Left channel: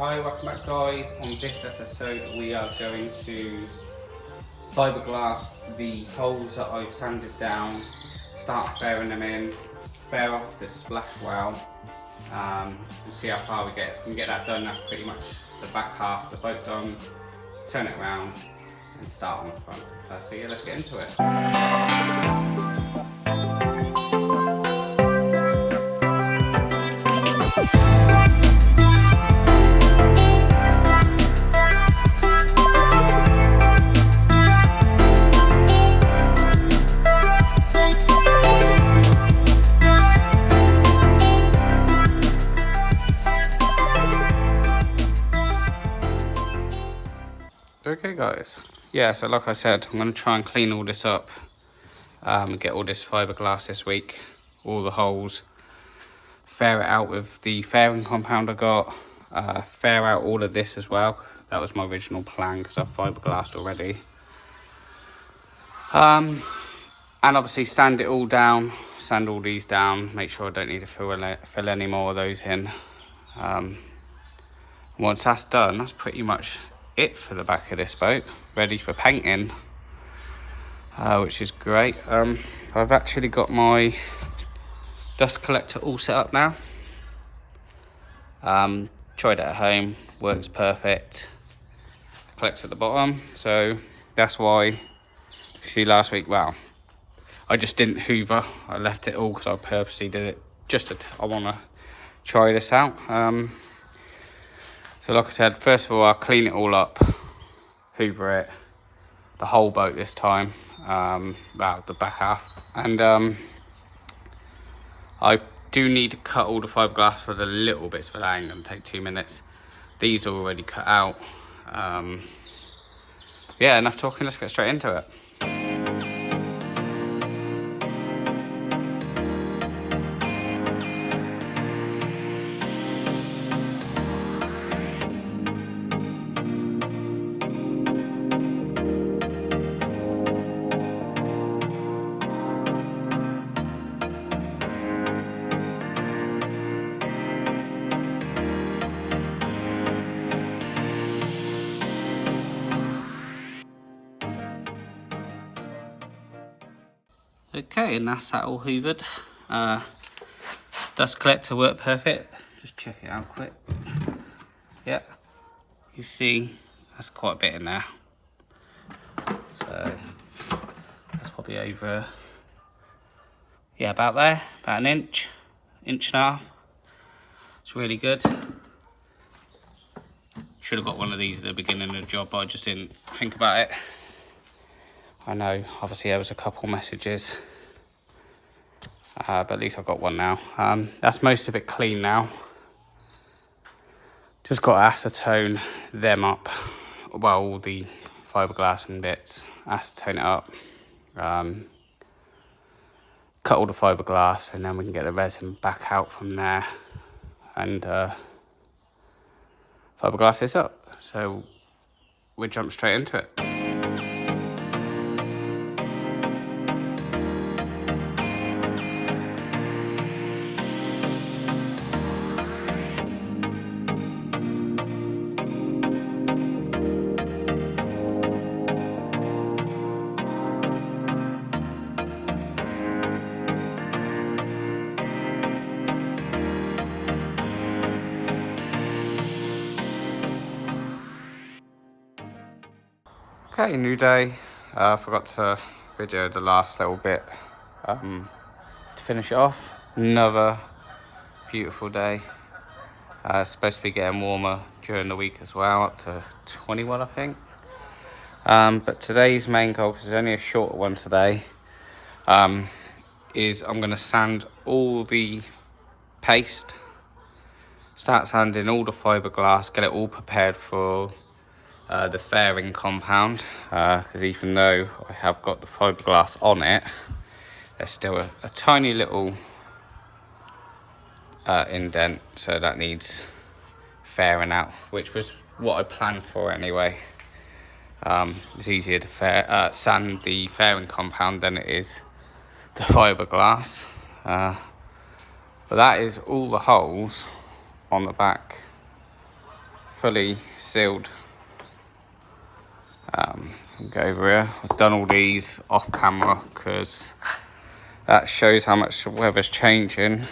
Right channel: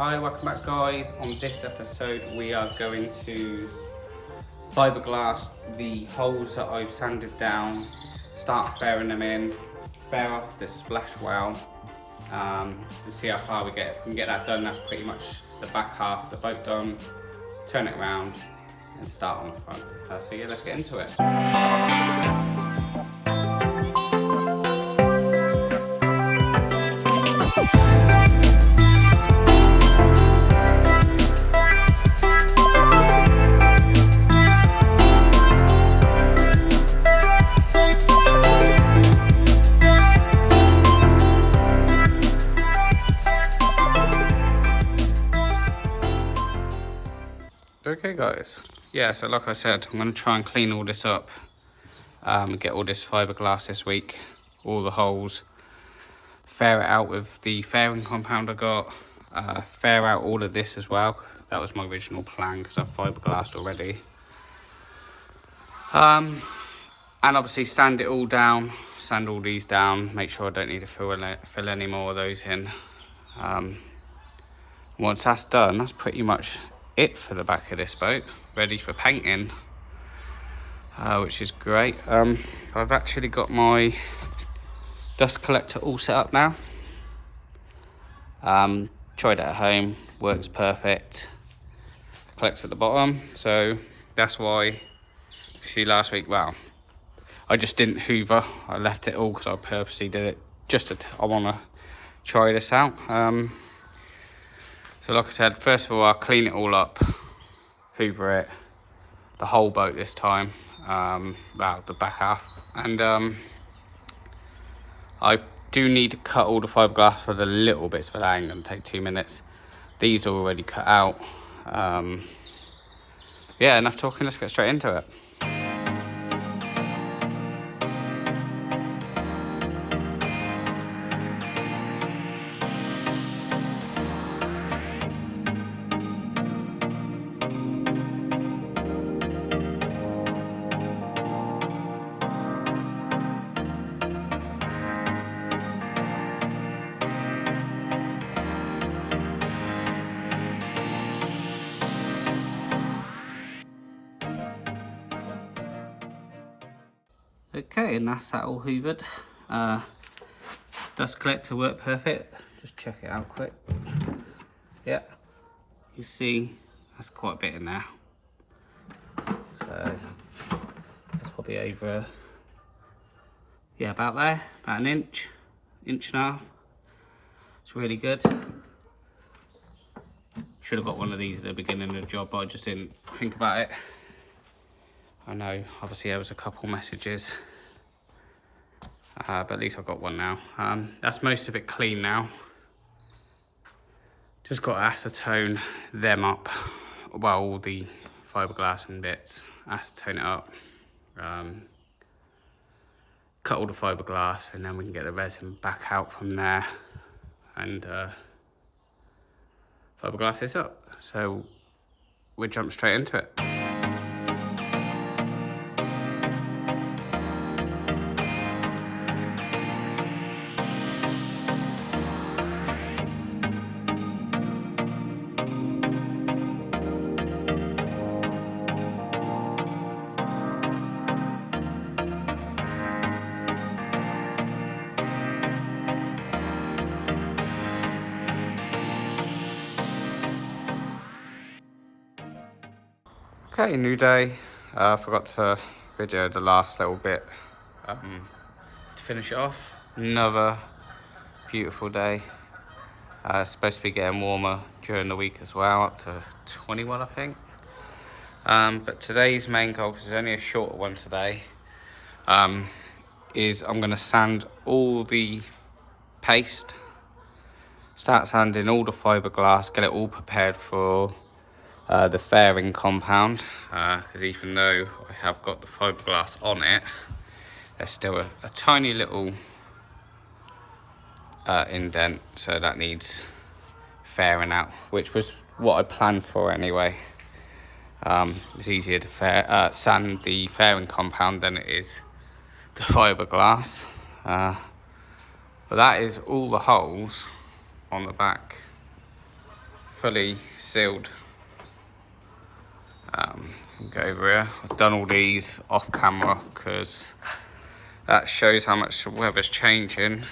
Hi, welcome back guys. On this episode we are going to fiberglass the holes that I've sanded down, start fairing them in, fair off the splash well, and see how far we get. If we can get that done, that's pretty much the back half of the boat done. Turn it around and start on the front. So yeah, let's get into it. Okay guys, yeah, so like I said, I'm going to try and clean all this up, get all this fiberglass this week, all the holes, fair it out with the fairing compound I got, fair out all of this as well. That was my original plan because I've fiberglassed already. And obviously sand it all down, sand all these down, make sure I don't need to fill any more of those in. Once that's done, that's pretty much it for the back of this boat, ready for painting, which is great. I've actually got my dust collector all set up now. Tried it at home, works perfect, collects at the bottom, so that's why you see last week, well, I just didn't hoover, I left it all because I purposely did it I want to try this out. So like I said, first of all, I'll clean it all up, hoover it, the whole boat this time, well, the back half. And I do need to cut all the fiberglass for the little bits, but that ain't gonna take 2 minutes. These are already cut out. Yeah, enough talking, let's get straight into it. Okay, and that's that all hoovered. Dust collector worked perfect. Just check it out quick. Yeah, you see that's quite a bit in there. So that's probably over, yeah, about there, about an inch and a half. It's really good. Should have got one of these at the beginning of the job, but I just didn't think about it. I know, obviously there was a couple messages, but at least I've got one now. That's most of it clean now. Just got to acetone them up, well, all the fiberglass and bits, acetone it up, cut all the fiberglass, and then we can get the resin back out from there and fiberglass this up. So we'll jump straight into it. Okay, new day. I forgot to video the last little bit to finish it off. Another beautiful day. It's supposed to be getting warmer during the week as well, up to 21 I think. But today's main goal, because it's only a shorter one today, is I'm going to sand all the paste, start sanding all the fiberglass, get it all prepared for the fairing compound, because even though I have got the fiberglass on it, there's still a tiny little indent, so that needs fairing out, which was what I planned for anyway. It's easier to sand the fairing compound than it is the fiberglass, but that is all the holes on the back fully sealed. Go over here. I've done all these off camera because that shows how much the weather's changing.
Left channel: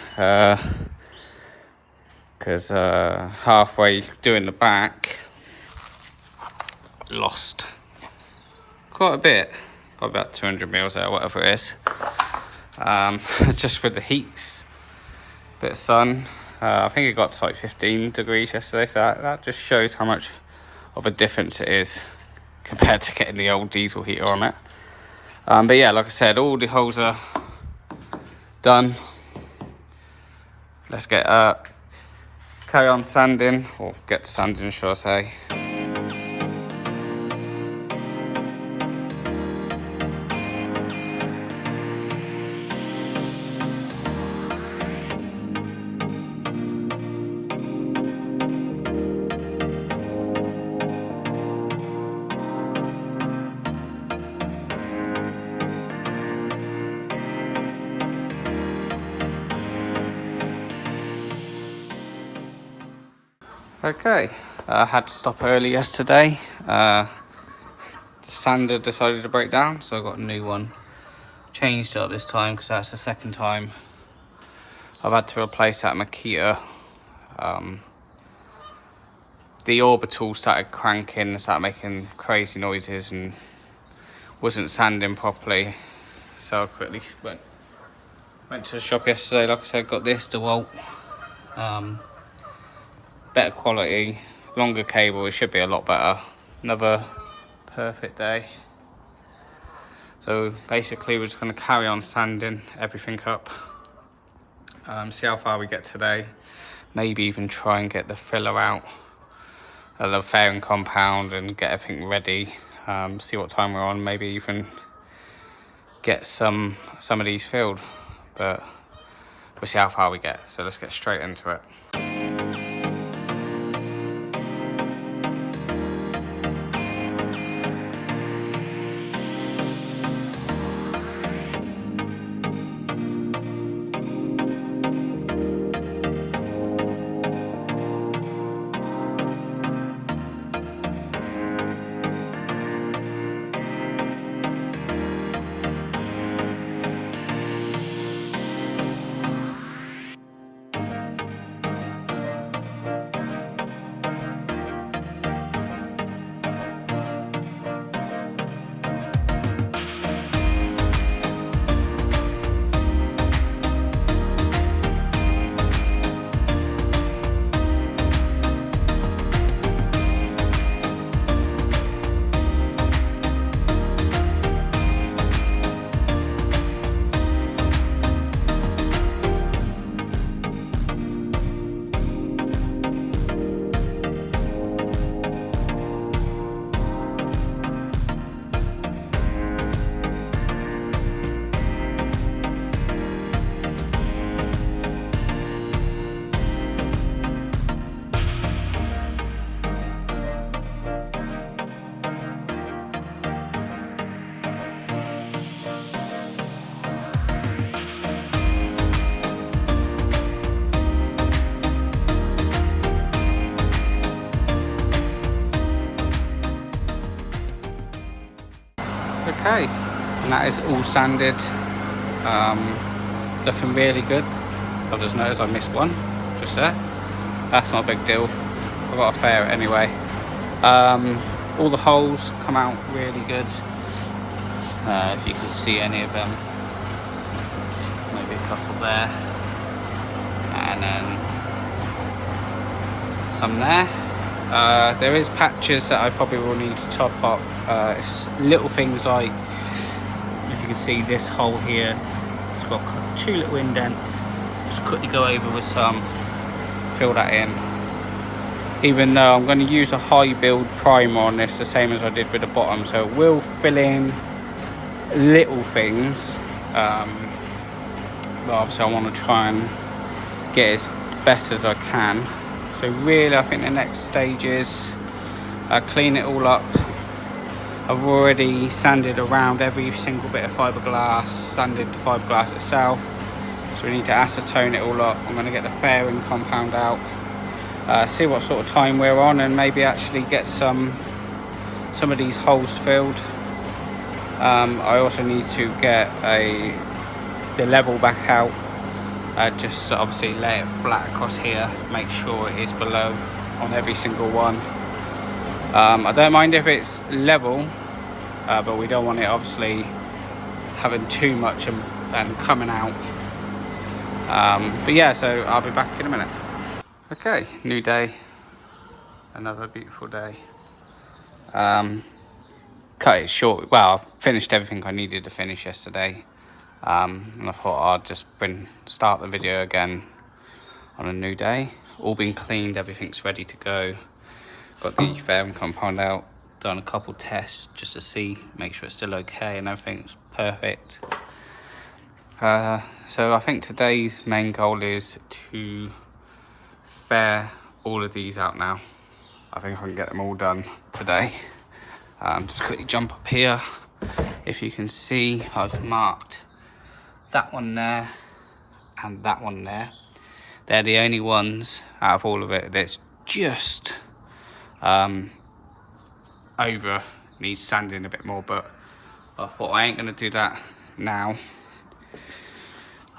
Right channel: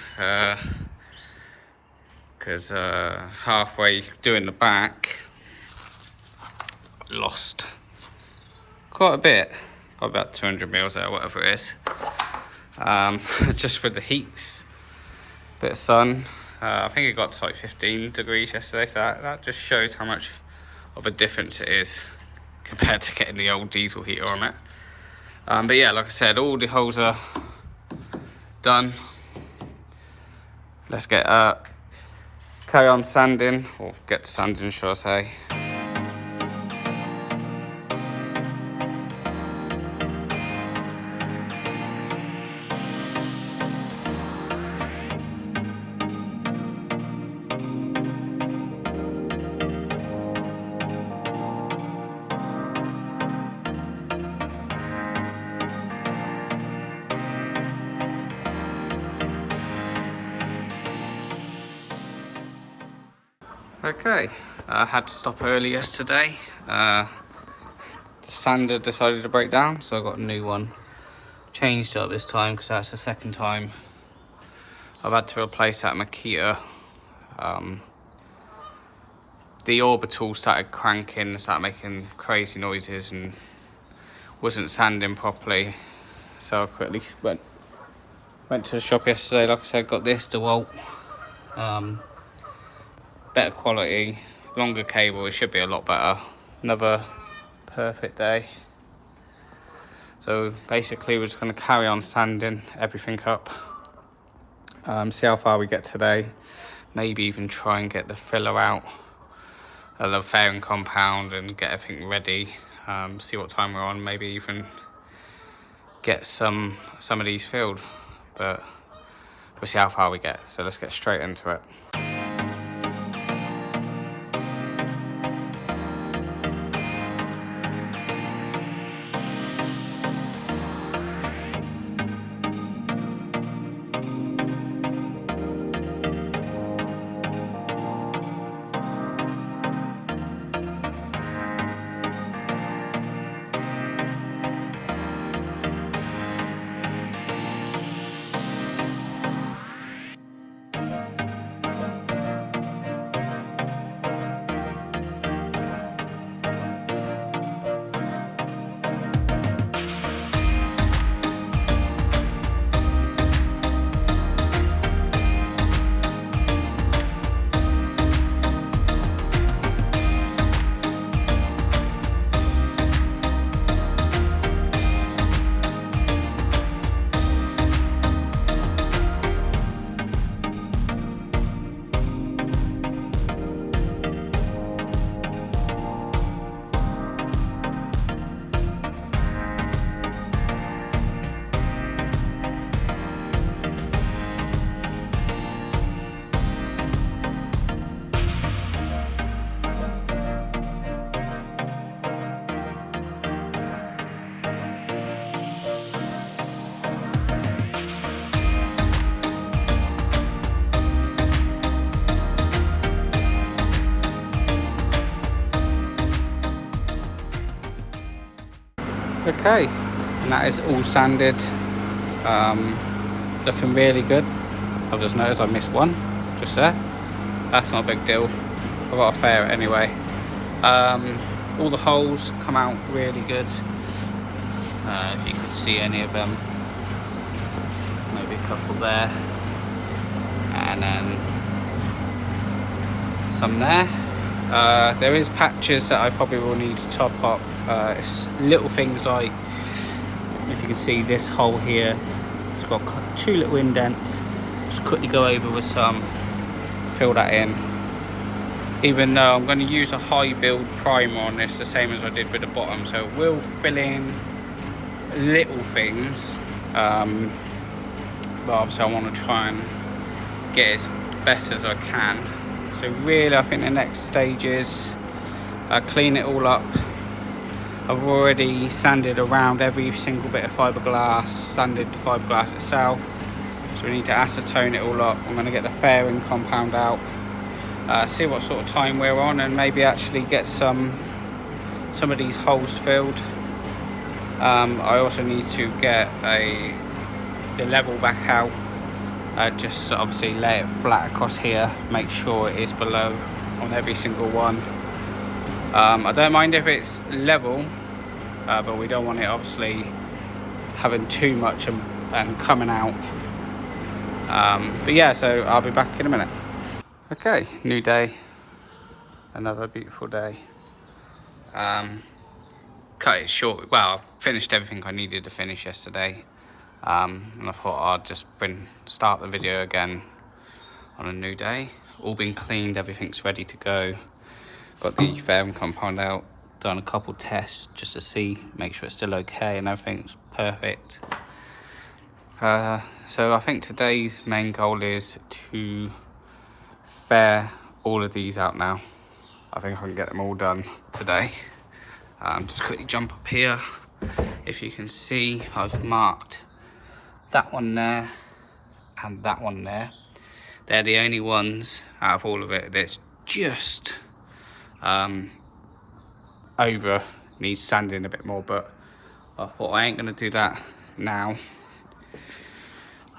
Because halfway doing the back, lost quite a bit, probably about 200 mils there, whatever it is. Just with the heats, bit of sun. I think it got to like 15 degrees yesterday, so that just shows how much of a difference it is compared to getting the old diesel heater on it. But yeah, like I said, all the holes are done. Let's get carry on sanding, or get to sanding, should I say. Okay, I had to stop early yesterday. The sander decided to break down, so I got a new one. Changed it up this time because that's the second time I've had to replace that Makita. The orbital started cranking, started making crazy noises and wasn't sanding properly. So I quickly went to the shop yesterday. Like I said, got this DeWalt. Better quality, longer cable, it should be a lot better. Another perfect day. So basically we're just going to carry on sanding everything up, see how far we get today, maybe even try and get the filler out of the fairing compound and get everything ready, see what time we're on, maybe even get some of these filled, but we'll see how far we get. So let's get straight into it. Okay, and that is all sanded, looking really good. I've just noticed I missed one just there. That's not a big deal, I've got to fair it anyway. All the holes come out really good, if you can see any of them, maybe a couple there, and then some there. There is patches that I probably will need to top up. It's little things like, if you can see this hole here, it's got 2 little indents. Just quickly go over with some, fill that in. Even though I'm going to use a high build primer on this, the same as I did with the bottom, so it will fill in little things, but obviously I want to try and get as best as I can. So really I think the next stage is clean it all up. I've already sanded around every single bit of fiberglass, sanded the fiberglass itself, so we need to acetone it all up. I'm going to get the fairing compound out, see what sort of time we're on, and maybe actually get some of these holes filled. I also need to get the level back out, just obviously lay it flat across here, make sure it is below on every single one. I don't mind if it's level, but we don't want it obviously having too much and coming out. But yeah, so I'll be back in a minute. Okay, new day, another beautiful day. Cut it short. Well, I finished everything I needed to finish yesterday, and I thought I'd just start the video again on a new day. All been cleaned, everything's ready to go. Got the fairing compound out, done a couple tests just to make sure it's still okay and everything's perfect. So I think today's main goal is to fair all of these out now. I think I can get them all done today. Just quickly jump up here. If you can see, I've marked that one there and that one there. They're the only ones out of all of it that's just over, needs sanding a bit more, but I thought I ain't gonna do that now.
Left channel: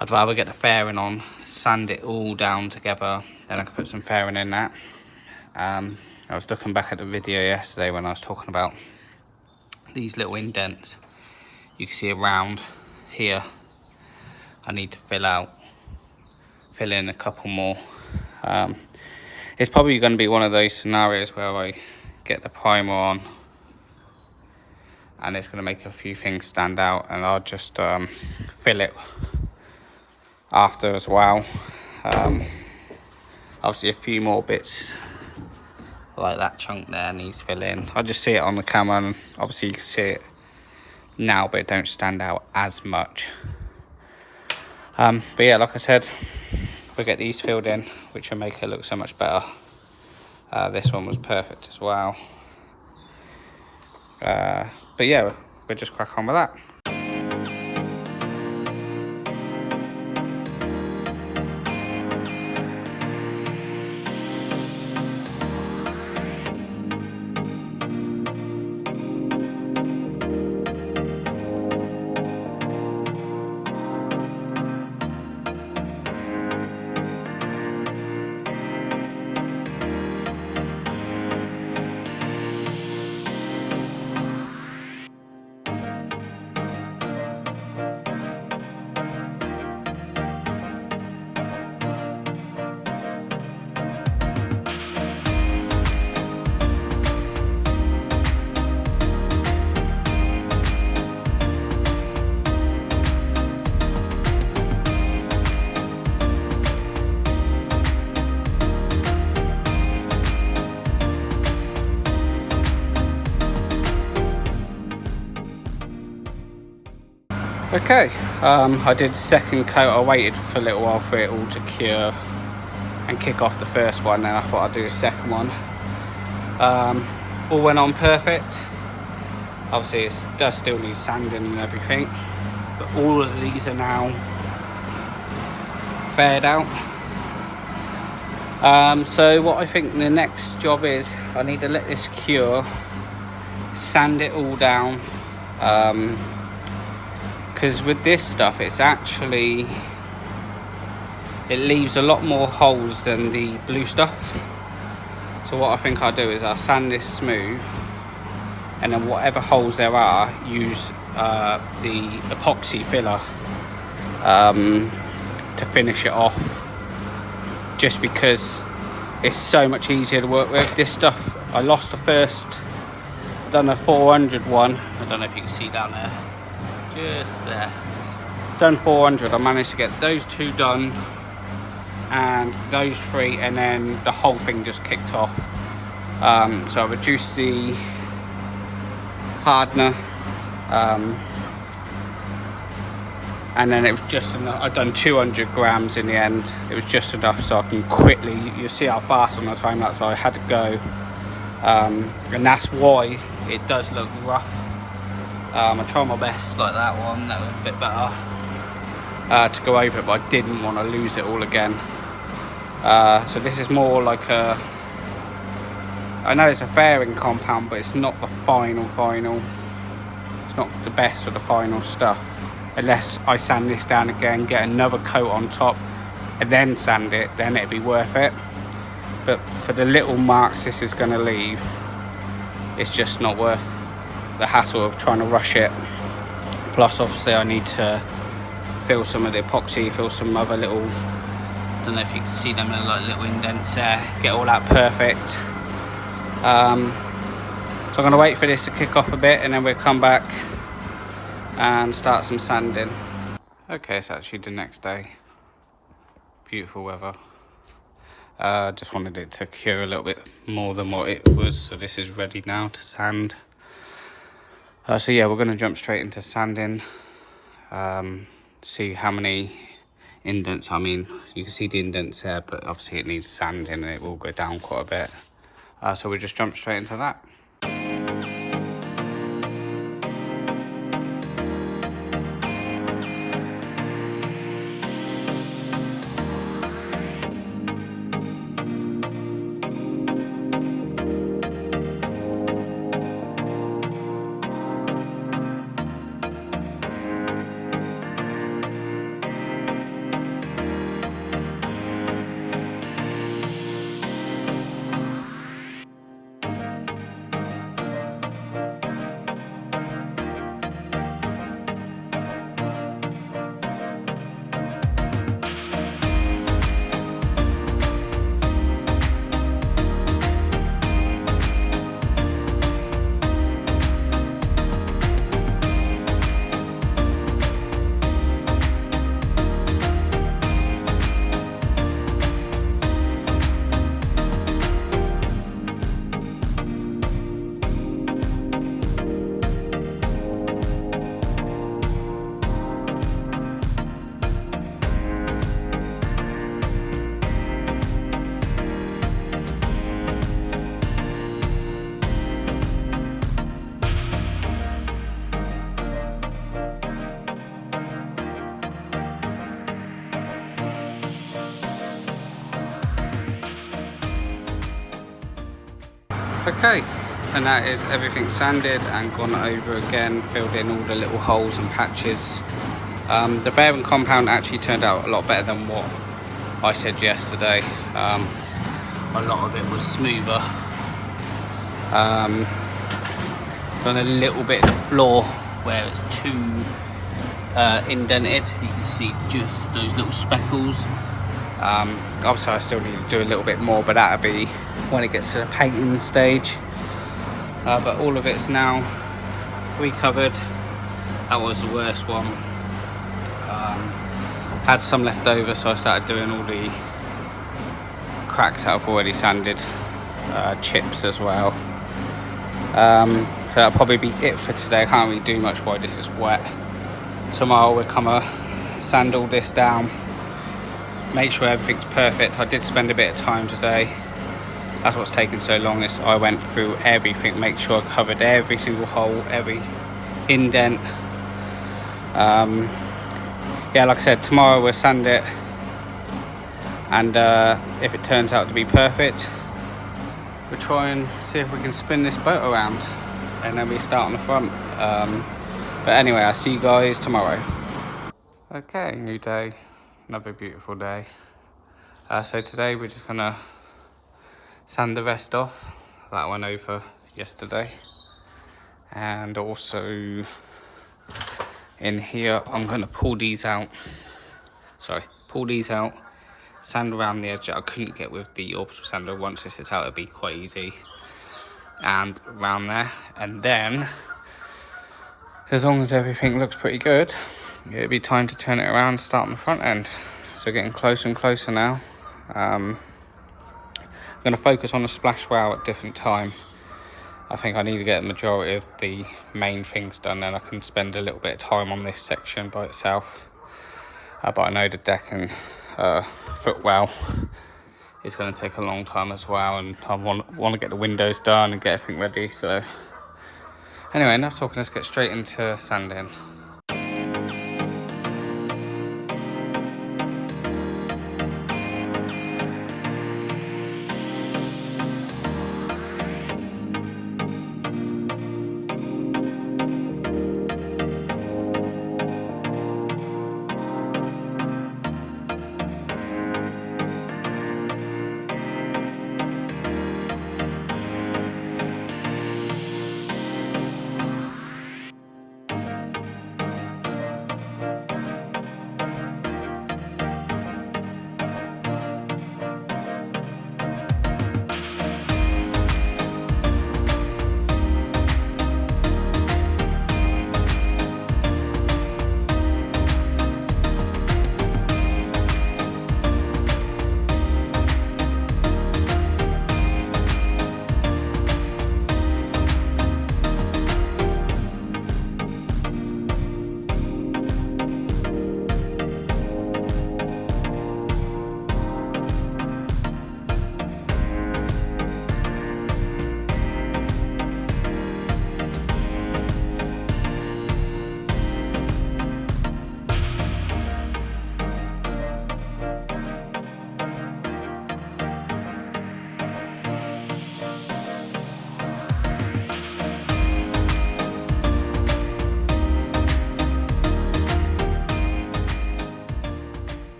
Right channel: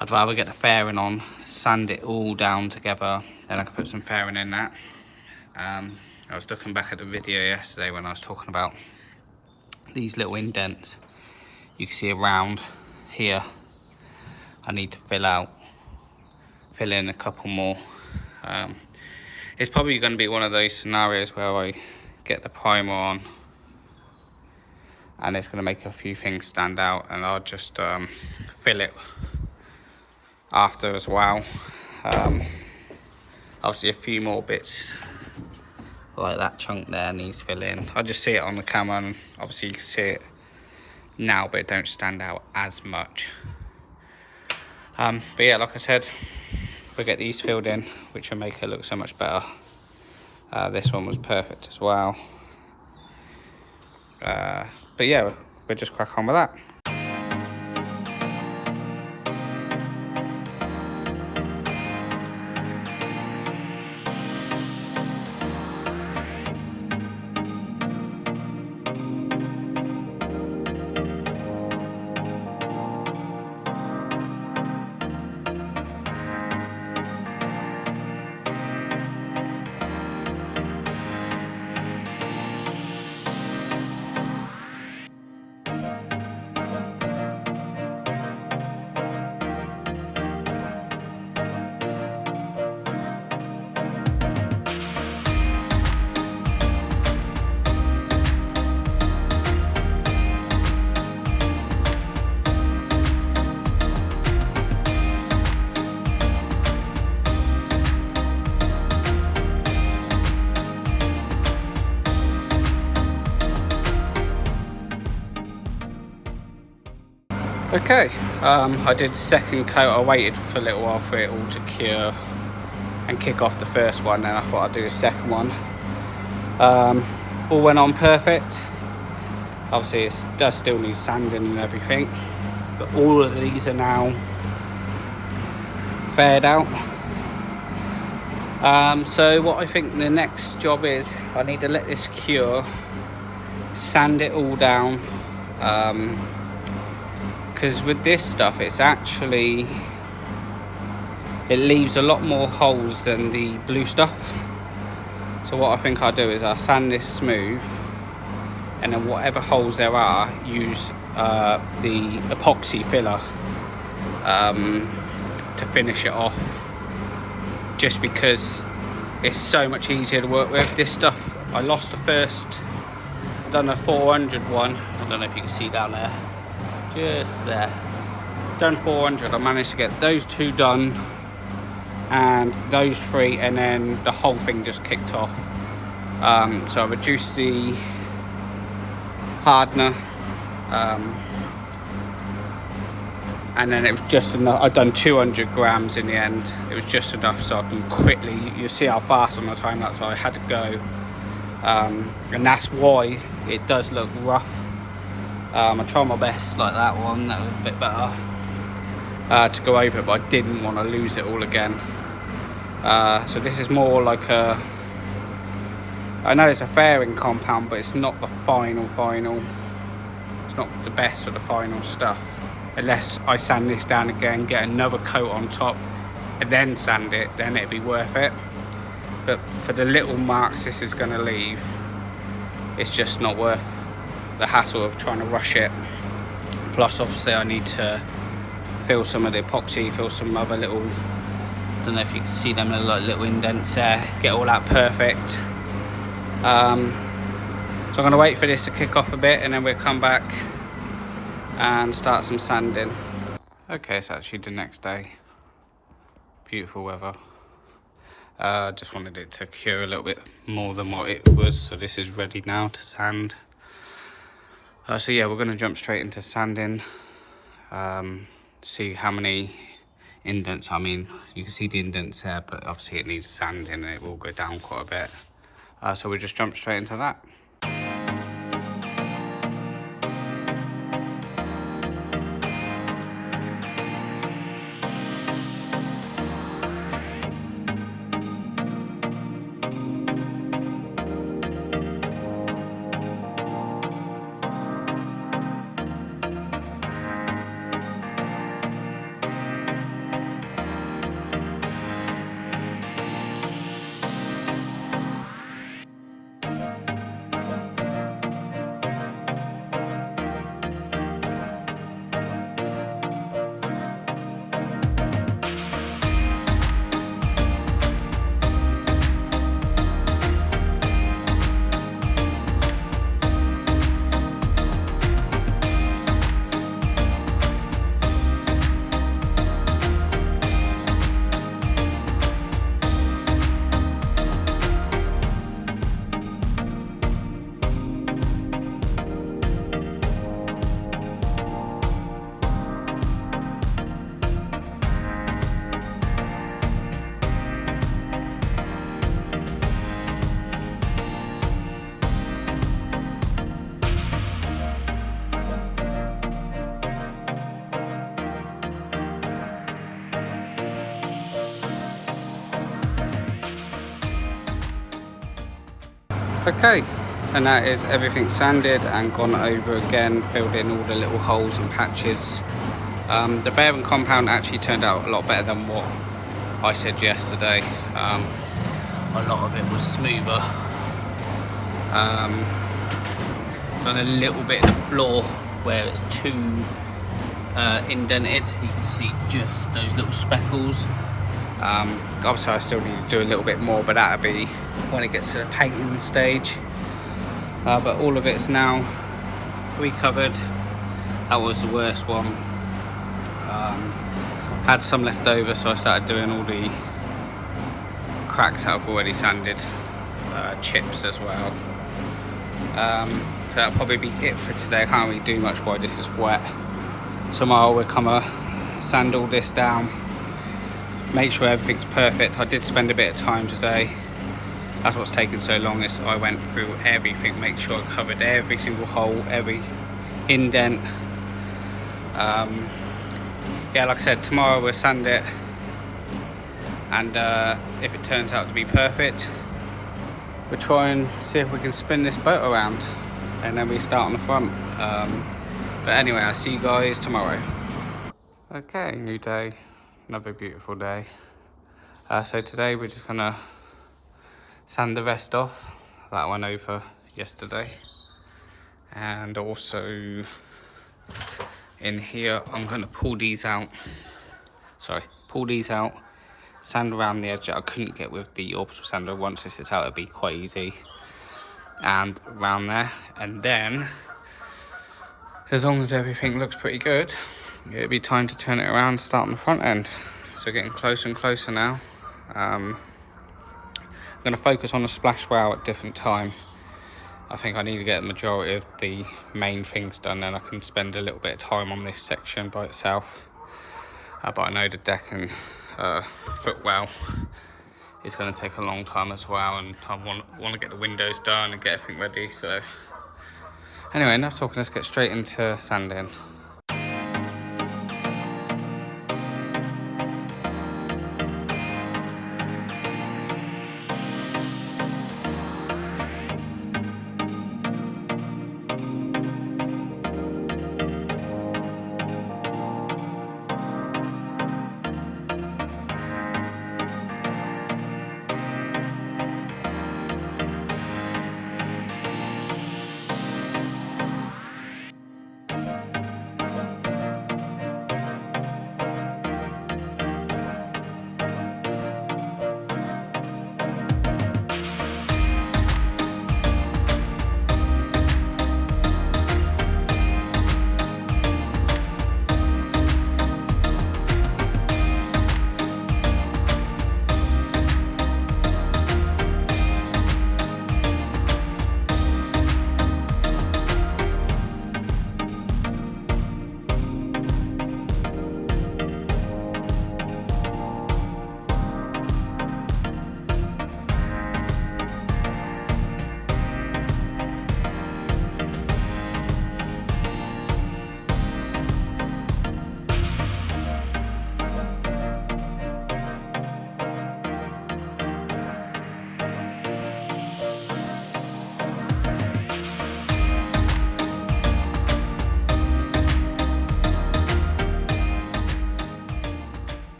I'd rather get the fairing on, sand it all down together, then I can put some fairing in that. I was looking back at the video yesterday when I was talking about these little indents you can see around here. I need to fill in a couple more. It's probably going to be one of those scenarios where I get the primer on and it's going to make a few things stand out, and I'll just fill it after as well. Obviously a few more bits like that chunk there needs filling. I just see it on the camera, and obviously you can see it now, but it don't stand out as much. But yeah, like I said, we'll get these filled in, which will make it look so much better. This one was perfect as well. But yeah, we'll just crack on with that. Okay, I did second coat. I waited for a little while for it all to cure and kick off the first one, then I thought I'd do a second one. All went on perfect. Obviously it does still need sanding and everything, but all of these are now faired out. So what I think the next job is, I need to let this cure, sand it all down, because with this stuff it leaves a lot more holes than the blue stuff. So what I think I'll do is I'll sand this smooth, and then whatever holes there are, use the epoxy filler to finish it off, just because it's so much easier to work with. This stuff, I lost the first, done a 400 one, I don't know if you can see down there, just there, done 400. I managed to get those two done and those three, and then the whole thing just kicked off. So I reduced the hardener, and then it was just enough. I'd done 200 grams in the end. It was just enough so I can quickly, you see how fast on the time lapse I had to go, and that's why it does look rough. I tried my best like that one, that was a bit better, to go over it, but I didn't want to lose it all again. So this is more like a, I know it's a fairing compound, but it's not the final. It's not the best for the final stuff. Unless I sand this down again, get another coat on top, and then sand it, then it'd be worth it. But for the little marks this is going to leave, it's just not worth the hassle of trying to rush it. Plus, obviously, I need to fill some of the epoxy, fill some other little, I don't know if you can see them little indents there, get all that perfect. So I'm going to wait for this to kick off a bit, and then we'll come back and start some sanding. Okay, it's actually the next day. Beautiful weather. Just wanted it to cure a little bit more than what it was, so this is ready now to sand. So yeah, we're going to jump straight into sanding. See how many indents. I mean, you can see the indents there, but obviously it needs sanding and it will go down quite a bit. So we'll just jump straight into that. Okay, and that is everything sanded and gone over again, filled in all the little holes and patches. The fairing compound actually turned out a lot better than what I said yesterday. A lot of it was smoother. Done a little bit of the floor where it's too indented. You can see just those little speckles. Obviously I still need to do a little bit more, but that'll be when it gets to the painting stage. But all of it's now recovered. That was the worst one. Had some left over, so I started doing all the cracks that I've already sanded, chips as well. So that'll probably be it for today. I can't really do much while this is wet. Tomorrow we'll come sand all this down, make sure everything's perfect. I did spend a bit of time today. That's what's taken so long, is I went through everything, make sure I covered every single hole, every indent. Yeah, like I said, tomorrow we'll sand it, and if it turns out to be perfect, we'll try and see if we can spin this boat around, and then we start on the front. But anyway, I'll see you guys tomorrow. Okay, new day, another beautiful day. So today we're just gonna sand the rest off. That went over yesterday. And also in here, I'm gonna pull these out, sand around the edge that I couldn't get with the orbital sander. Once this is out, it'll be quite easy. And around there, and then as long as everything looks pretty good, it'll be time to turn it around and start on the front end. So getting closer and closer now. I'm going to focus on the splash wow at different time. I think I need to get the majority of the main things done, and I can spend a little bit of time on this section by itself. But I know the deck and footwell is going to take a long time as well, and I want to get the windows done and get everything ready. So anyway, enough talking, let's get straight into sanding.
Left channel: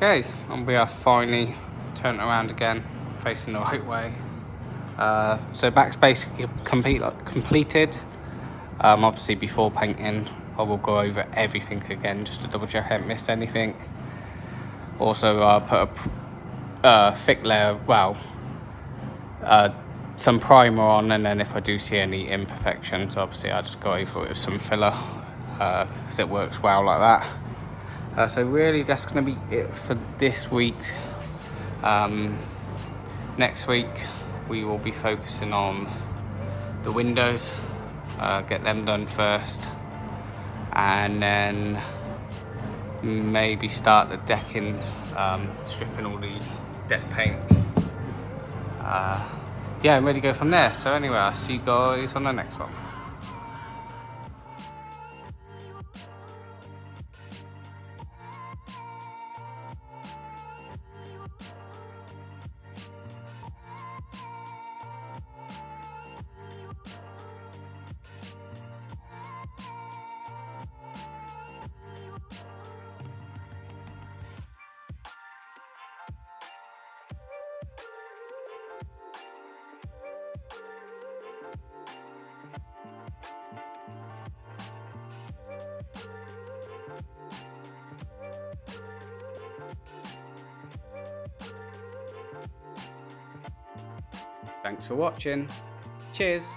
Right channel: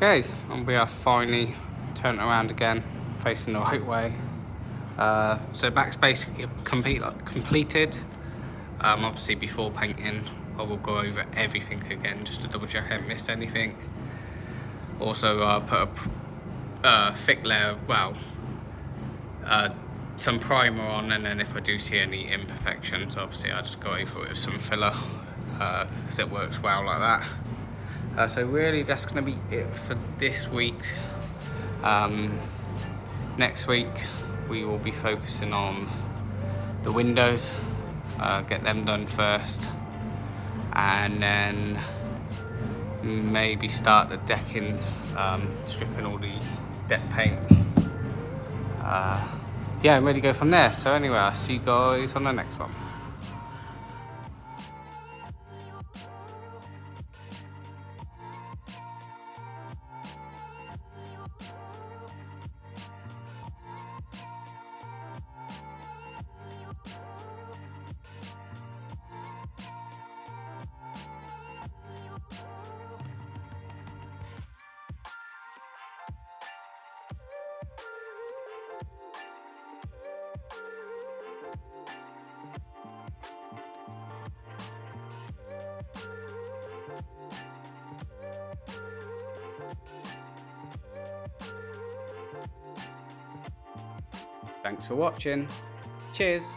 Okay, and we are finally turned around again, facing the right way. So back's basically completed. Obviously before painting, I will go over everything again just to double check I haven't missed anything. Also, I'll put a thick layer, some primer on, and then if I do see any imperfections, obviously I'll just go over it with some filler, because it works well like that. So really that's going to be it for this week. Next week we will be focusing on the windows, get them done first, and then maybe start the decking, stripping all the deck paint. Yeah, and really go from there. So anyway, I'll see you guys on the next one. Thanks for watching. Cheers.